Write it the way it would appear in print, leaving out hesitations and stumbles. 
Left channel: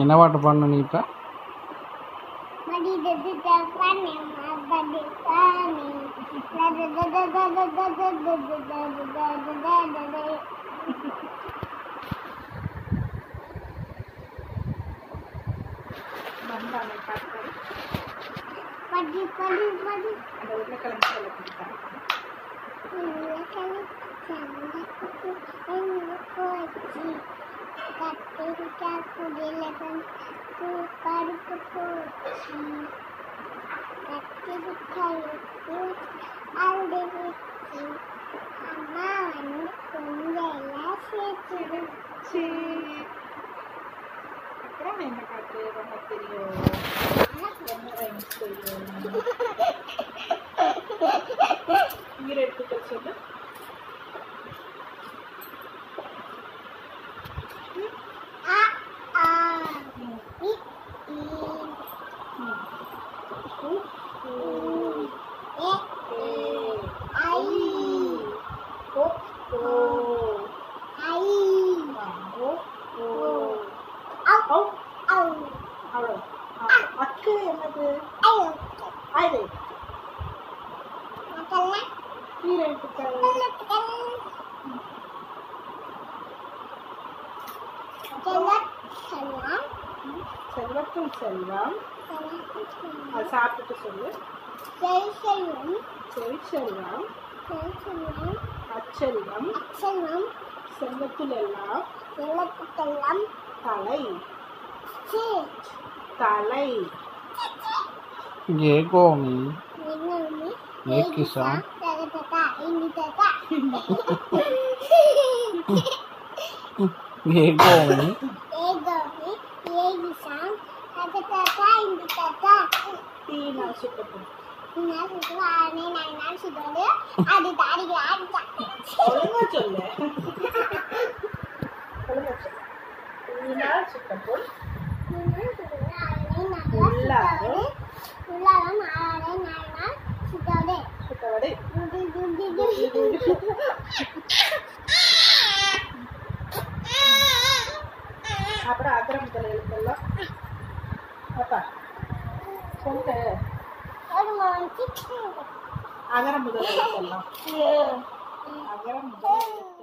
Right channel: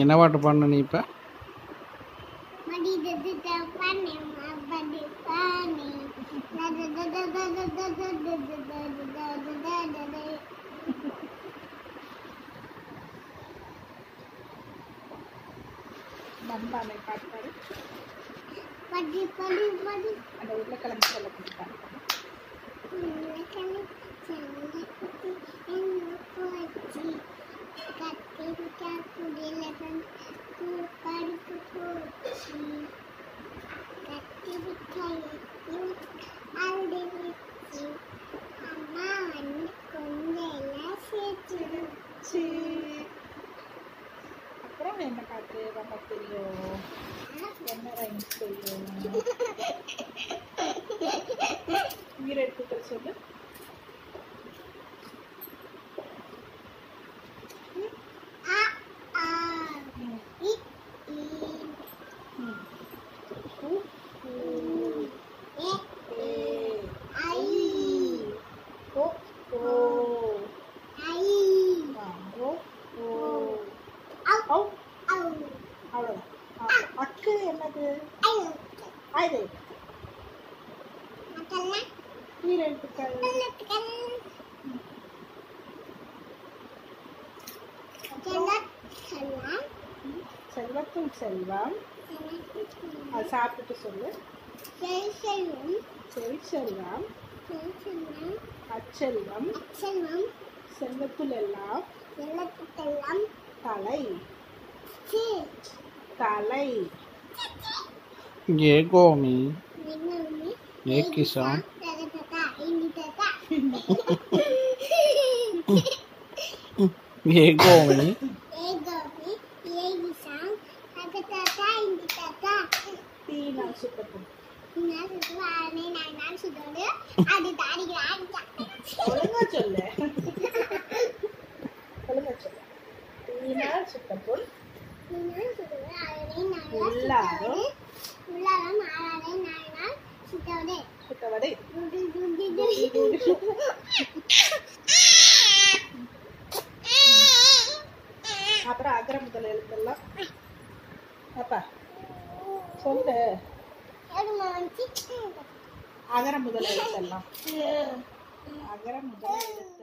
என்ன பாட்டு பாடணும் நீ இப்போ? அப்புறம் என்ன பாட்டு ரொம்ப தெரியும்? என்ன ரைம்ஸ் தெரியும்? ஈரெட்டுக்கள் சொல்லு. அக்கு என்னது? அது ஈரெட்டுக்கள். செல்வத்துள் செல்வம். அது சாப்பிட்டு சொல்லு. செல்வம் அச்செல்வம் செல்வத்துள் எல்லாம் தலை தலை. ये गोमी ये किसान ये गोमी तीन सुकट ஒழுங்கா சொல்லு. சுக்கப்புள் சுத்தவடை. அப்புறம் அகர முதல் எழுத்தெல்லாம் அப்பா சொல்லு. அகர முதல் எழுத்தெல்லாம். அகர முதல்